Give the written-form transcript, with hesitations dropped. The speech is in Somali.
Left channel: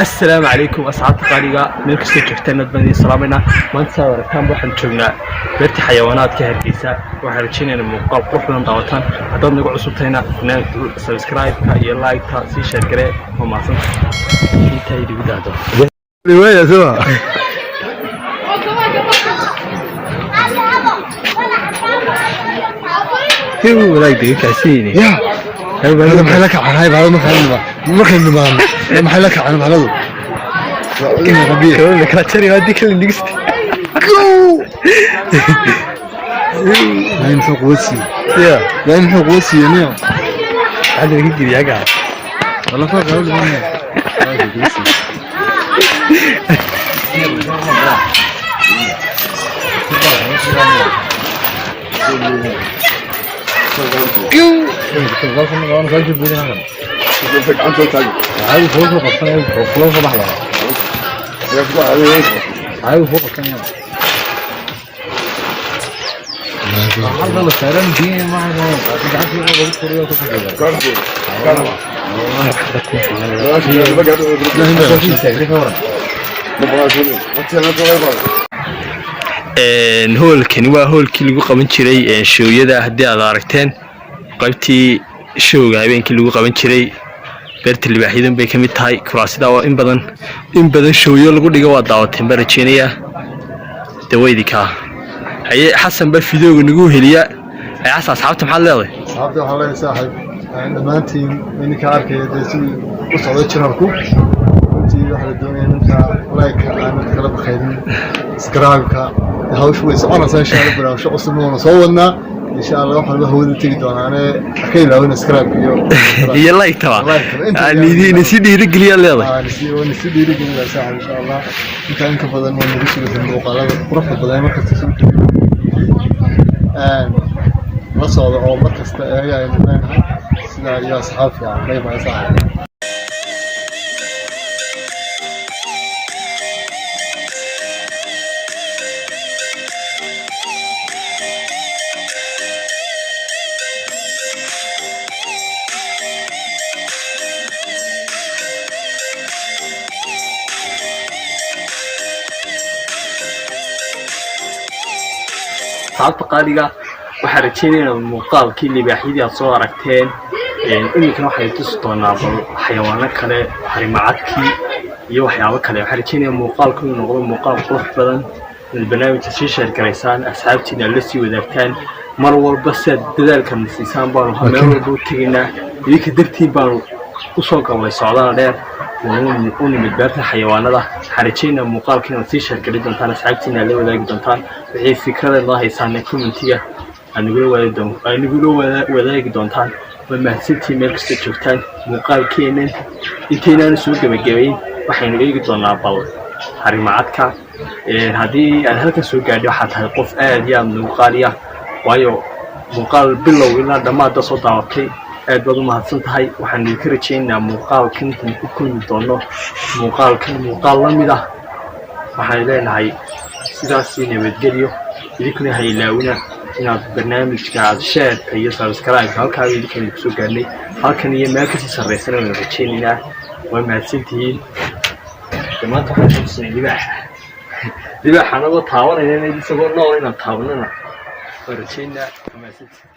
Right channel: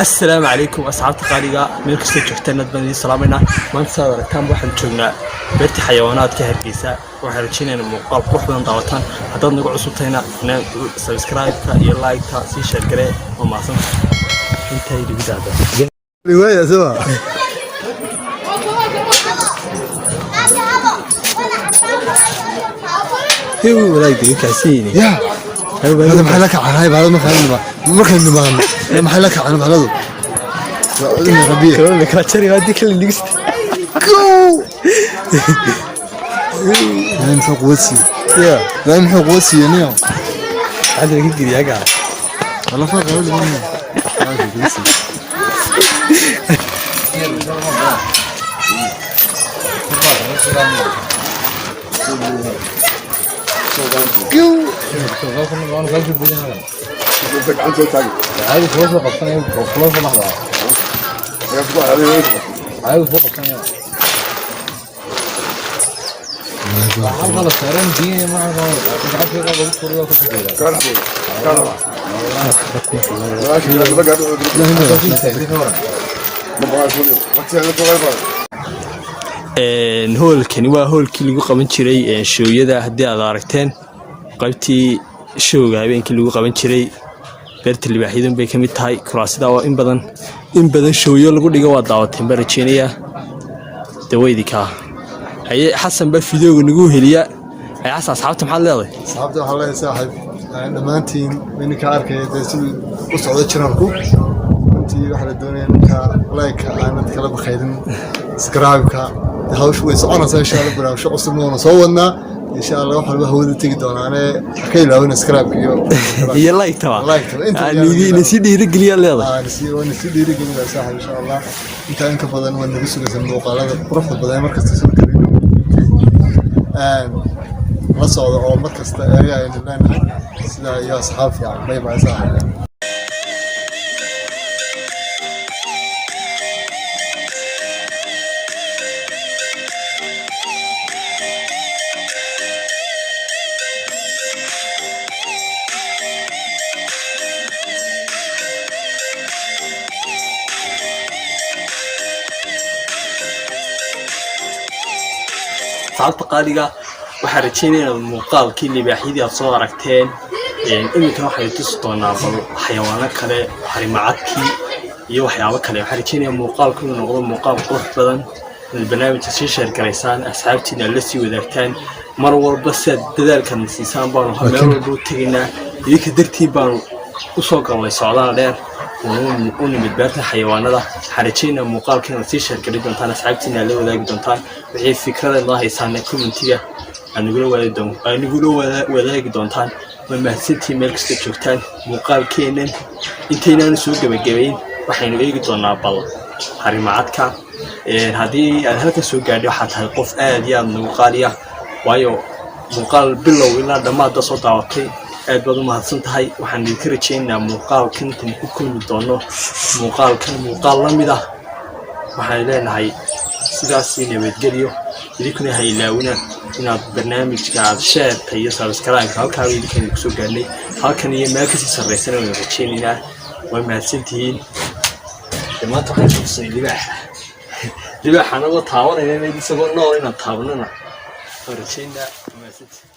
السلام عليكم أصحابتي قاليقة من كستو جفتنا بني سلامنا ما نسأل كم واحد جونا بيرتي حيوانات كهرجيسة وحرجينا المقاب روح من ضغطان هذا نقول صوتنا نعمل سبسكرايب كاي لايك سي شير كره وما صنع انتهي بزاف رواية سوا هو لايك ديك عسيني يا هذا محلك عن هذا مخن ما محلك عن هذا كمان لك هاتشري هاديك اللي نقصت هاي فوق وسي يا هاي فوق وسي يعني عاد اللي يجي يا قاعد والله فوق وسي هاي وسي هولكani waa hoolkii lagu qaban jiray shooyada hadii aad aragteen qaybtii shooga habeenkii lagu qaban jiray beerta libaaxidan bay kamid tahay kuraasida oo in badan shooyo lagu dhigo waa daawateen barajeeniya daweydika haye xasan ba fiidooga nagu heliya ay asxaabta maxaad leedahay asxaabta waxa la saaxib dhamaantiin inka arkay dadsi u socdo jirarku intii waxa la doonayaa like aan kala baxayn subscribe-ka hawshu way soconaysaa insha Allah barnaamij cusub oo soo wadnaa insha Allah waxa la hawada tagi doonaa akay laawna subscribe iyo like taba aan si dhiirigeliya leedahay si dhiirigeliya saaxib insha Allah inta badan waa nagu soo muuqaalada quruxda badan markasta soo la socdo oo markasta ayaga sida ay asxaabta ay maasaan asxaabta qaaliga waxaan rajaynaynaa muuqaalkii libaaxyadii aad soo aragteen iminkan waxay tusi doonaa xayawaano kale harimacadkii iyo waxyaabo kale waxaan rajaynayaa muuqaalku inuu noqdo muuqaal qurux badan inaad barnaamijka sii sheer garaysaan asxaabtiina la sii wadaagtaan mar walba si aad dadaalkan siisaan baanu meel walba u tegaynaa idinka dartiin baanu usoo galnay socdaal dheer u nimid beerta xayawaanada waxaan rajaynayaa muuqaalka inaad sii sheer gari doontaan asxaabtiina la wadaagi doontaan wixii fikrada noo haysaan commentiga anigula wadaagi doontaan ma mahadsantiin meel kasta joogtaan muuqaalkeenan intaynaan soo gabagabayn waxaynu eegi doonaa bal harimacadka haddii aan halkan soo gaadho waxaa tahay qof aad iyo aad nagu qaaliya waayo muuqaal bilow ilaa dhammaadda soo daawatay aad baad u mahadsan tahay waxaan idinka rajaynayaa muuqaalkan intaan ku kulmi doono muuqaal la mid ah waxaan leenahay sidaasi nabadgelyo idinkuna ha ilaawina inaad barnaamijka aad sheerta iyo subscribe halkaa idinkeena kusoo gaarnay halkan iyo meel kasii sarraysan aynu rajaynaynaa waa mahadsantihiin maanta waxaan tusay libaaxa anagoo taabanayna isagoo nool inaan taabanana waa rajaynaa mahadsantihiin